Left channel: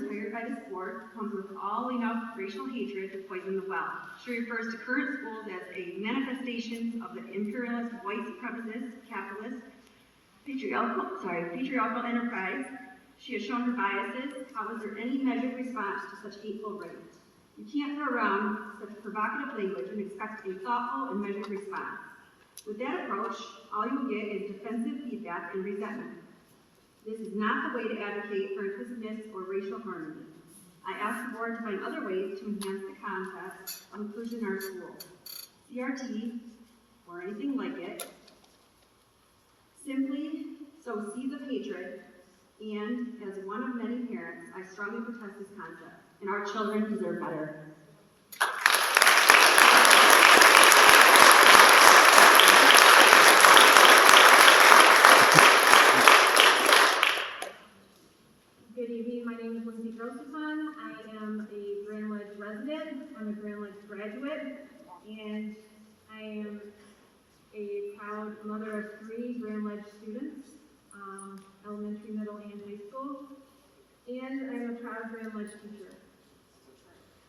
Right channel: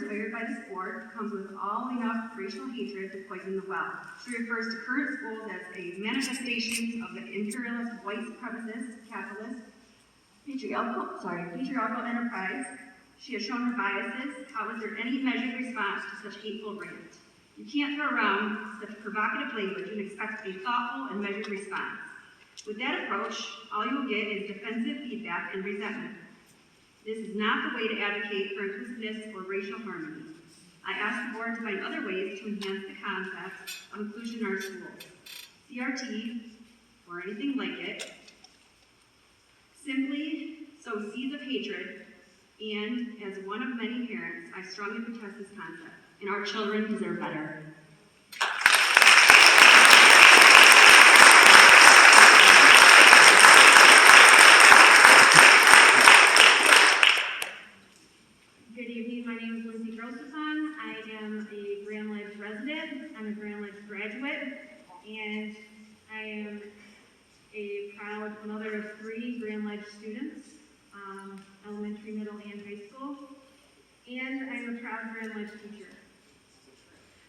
words hired by this board comes with all enough racial hatred to poison the well. She refers to current schools as a manifestation of the imperialist, white supremacist, capitalist, patriarchal enterprise. She has shown her biases. How is there any measured response to such hateful rant? You can't throw around such provocative language and expect a thoughtful and measured response. With that approach, all you will get is defensive feedback and resentment. This is not the way to advocate for inclusiveness or racial harmony. I ask the board to find other ways to enhance the concept of inclusion in our schools. CRT, or anything like it, simply sow seeds of hatred, and as one of many parents, I strongly protest this concept, and our children deserve better. Good evening, my name is Lindsay Grosepon. I am a Grand Ledge resident. I'm a Grand Ledge graduate, and I am a proud mother of 3 Grand Ledge students, elementary, middle, and high school, and I'm a proud Grand Ledge teacher.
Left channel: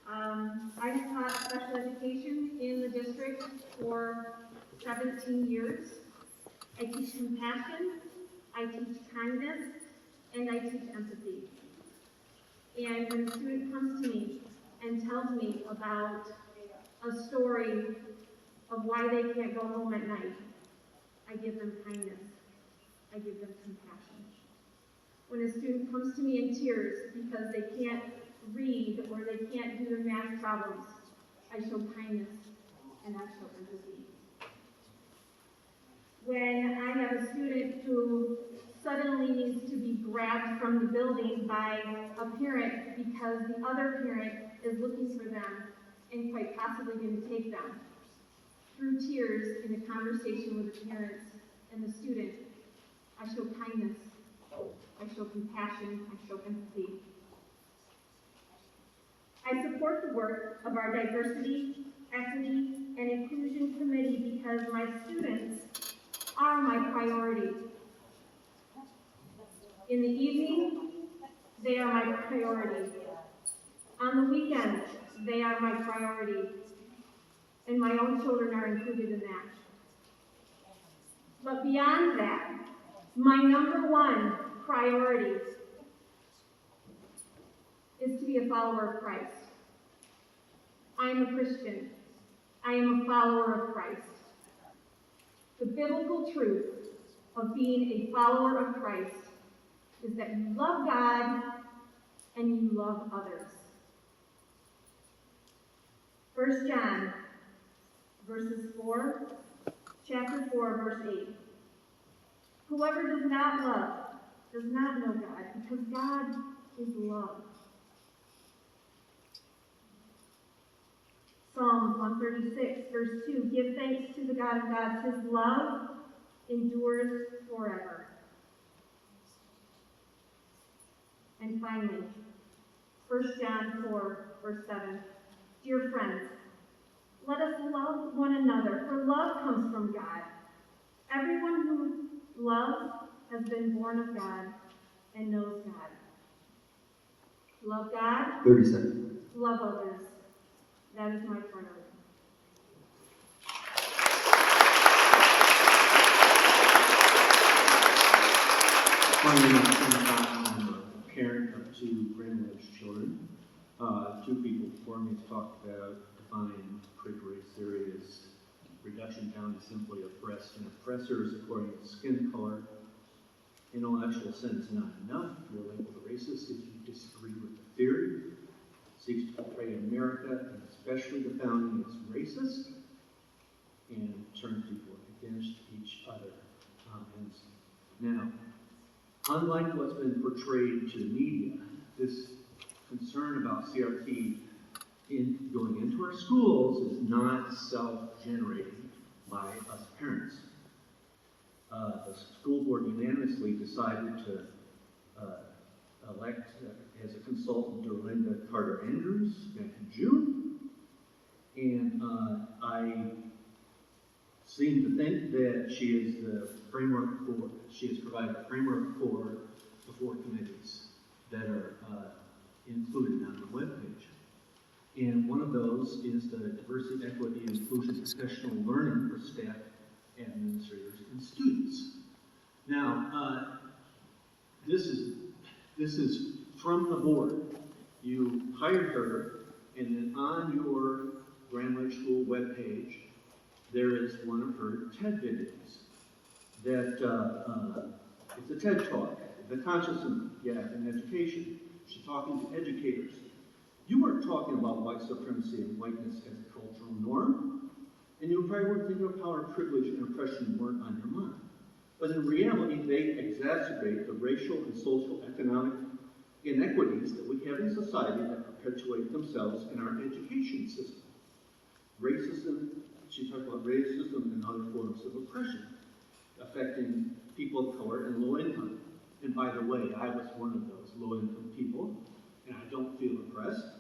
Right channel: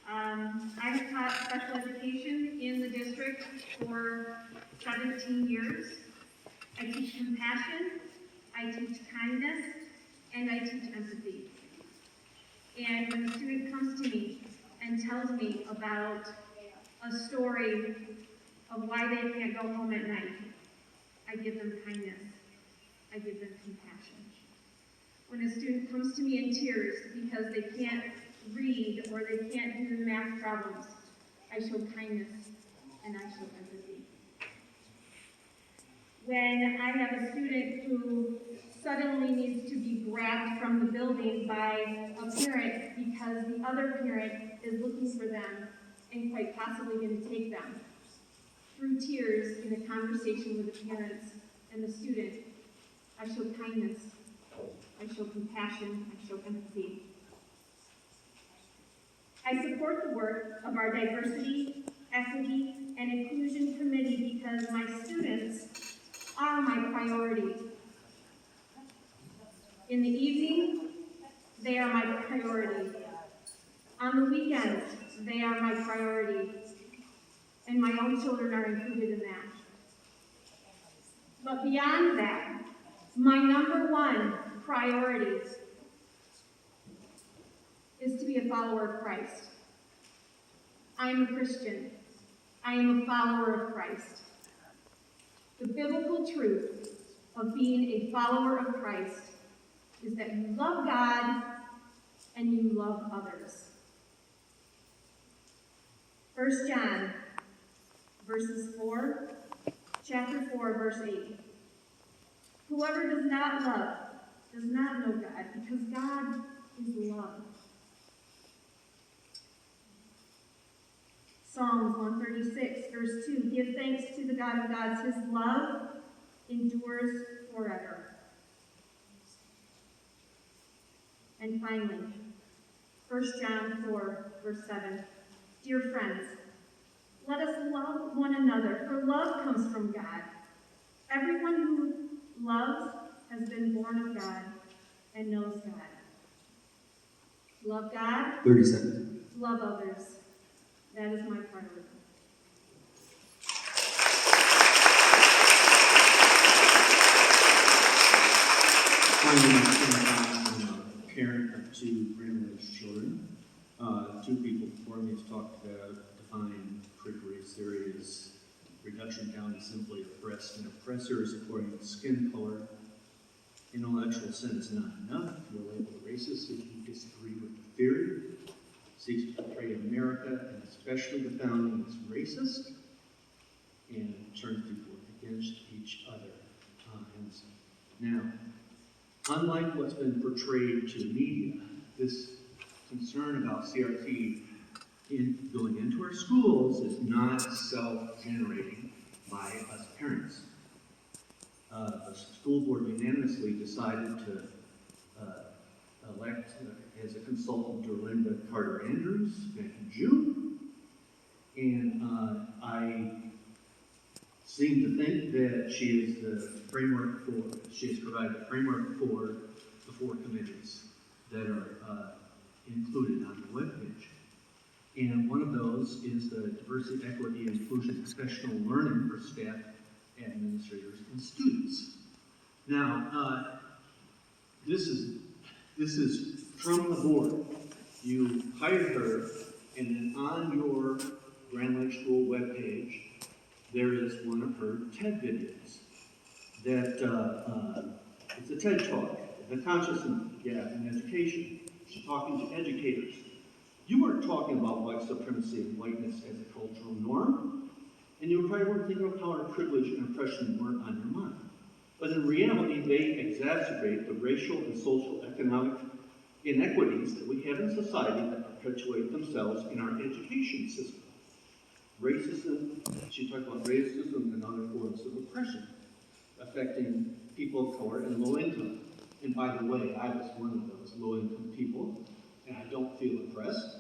I have taught special education in the district for 17 years. I teach compassion, I teach kindness, and I teach empathy. And when a student comes to me and tells me about a story of why they can't go home at night, I give them kindness. I give them compassion. When a student comes to me in tears because they can't read or they can't do the math problems, I show kindness and I show empathy. When I have a student who suddenly needs to be grabbed from the building by a parent because the other parent is looking for them and quite possibly going to take them, through tears in a conversation with the parents and the student, I show kindness, I show compassion, I show empathy. I support the work of our Diversity, Equity, and Inclusion Committee because my students are my priority. In the evening, they are my priority. On the weekends, they are my priority. And my own children are included in that. But beyond that, my number one priority is to be a follower of Christ. I am a Christian. I am a follower of Christ. The biblical truth of being a follower of Christ is that you love God and you love others. 1 John chapter 4, verse 8. Whoever does not love does not know God, because God is love. Psalms 136, verse 2. Give thanks to the God of gods. His love endures forever. And finally, 1 John 4, verse 7. Dear friends, let us love one another, for love comes from God. Everyone who loves has been born of God and knows God. Love God. 30 seconds. Love others. That is my priority. I'm a parent of 2 Grand Ledge children. 2 people before me have talked about defining critical race theory as reduction down to simply oppressed and oppressors according to skin color. Intellectual sense not enough. You're labeled a racist if you disagree with the theory. Seeks to portray America, and especially the founding, as racist, and turns people against each other. Now, unlike what's been portrayed to the media, this concern about CRT going into our schools is not self-generating by us parents. The school board unanimously decided to elect as a consultant Derlinda Carter Andrews back in June, and I seem to think that she is the framework for, she has provided a framework for the 4 committees that are included on the webpage. And one of those is the diversity, equity, and inclusion professional learning for staff, administrators, and students. Now, this is from the board. You hired her, and then on your Grand Lake School webpage, there is one of her TED videos that it's a TED Talk, the consciousness gap in education. She's talking to educators. You weren't talking about white supremacy and whiteness as a cultural norm, and you probably weren't thinking of how our privilege and oppression weren't on your mind. But in reality, they exacerbate the racial and social economic inequities that we have in society that perpetuate themselves in our education system. Racism, she talked about racism and other forms of oppression affecting people of color and low income. And by the way, I was one of those low income people, and I don't feel oppressed.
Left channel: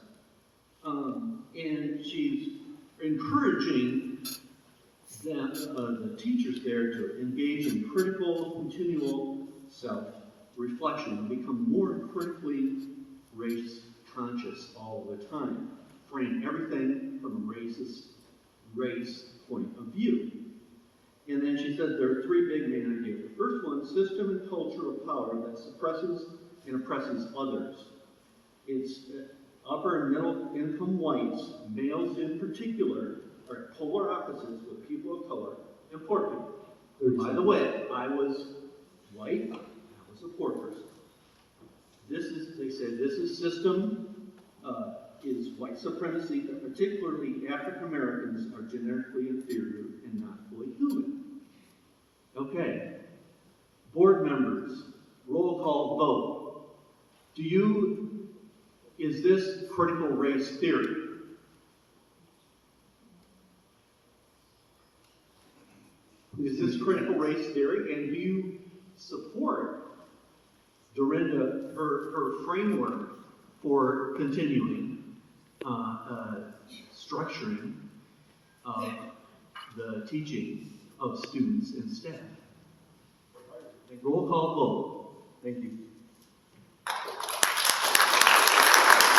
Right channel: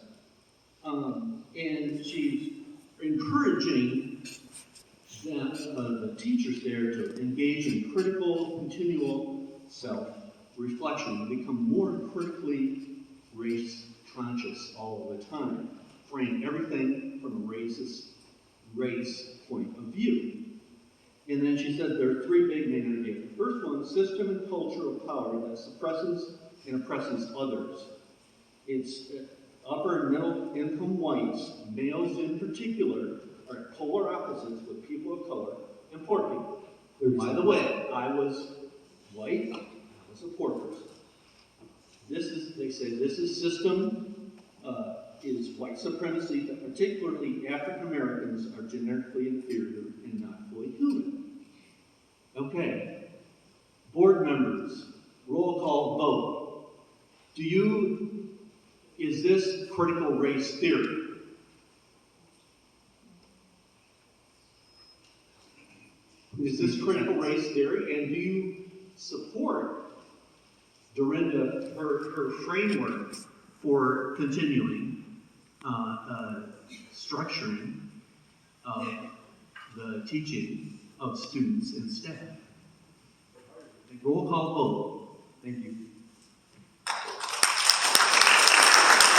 And she's encouraging the teachers there to engage in critical, continual self-reflection and become more critically race-conscious all the time, frame everything from a racist race point of view. And then she said there are three big main ideas. The first one, system and culture of power that suppresses and oppresses others. It's upper and middle income whites, males in particular, are polar opposites with people of color and poor people. By the way, I was white, I was a poor person. They say this is system, is white supremacy, that particularly African Americans are genetically inferior and not fully human. Okay, board members, roll call vote. Is this critical race theory? Is this critical race theory? And do you support Dorinda, her framework for continuing structuring of the teaching of students and staff? Roll call vote. Thank you.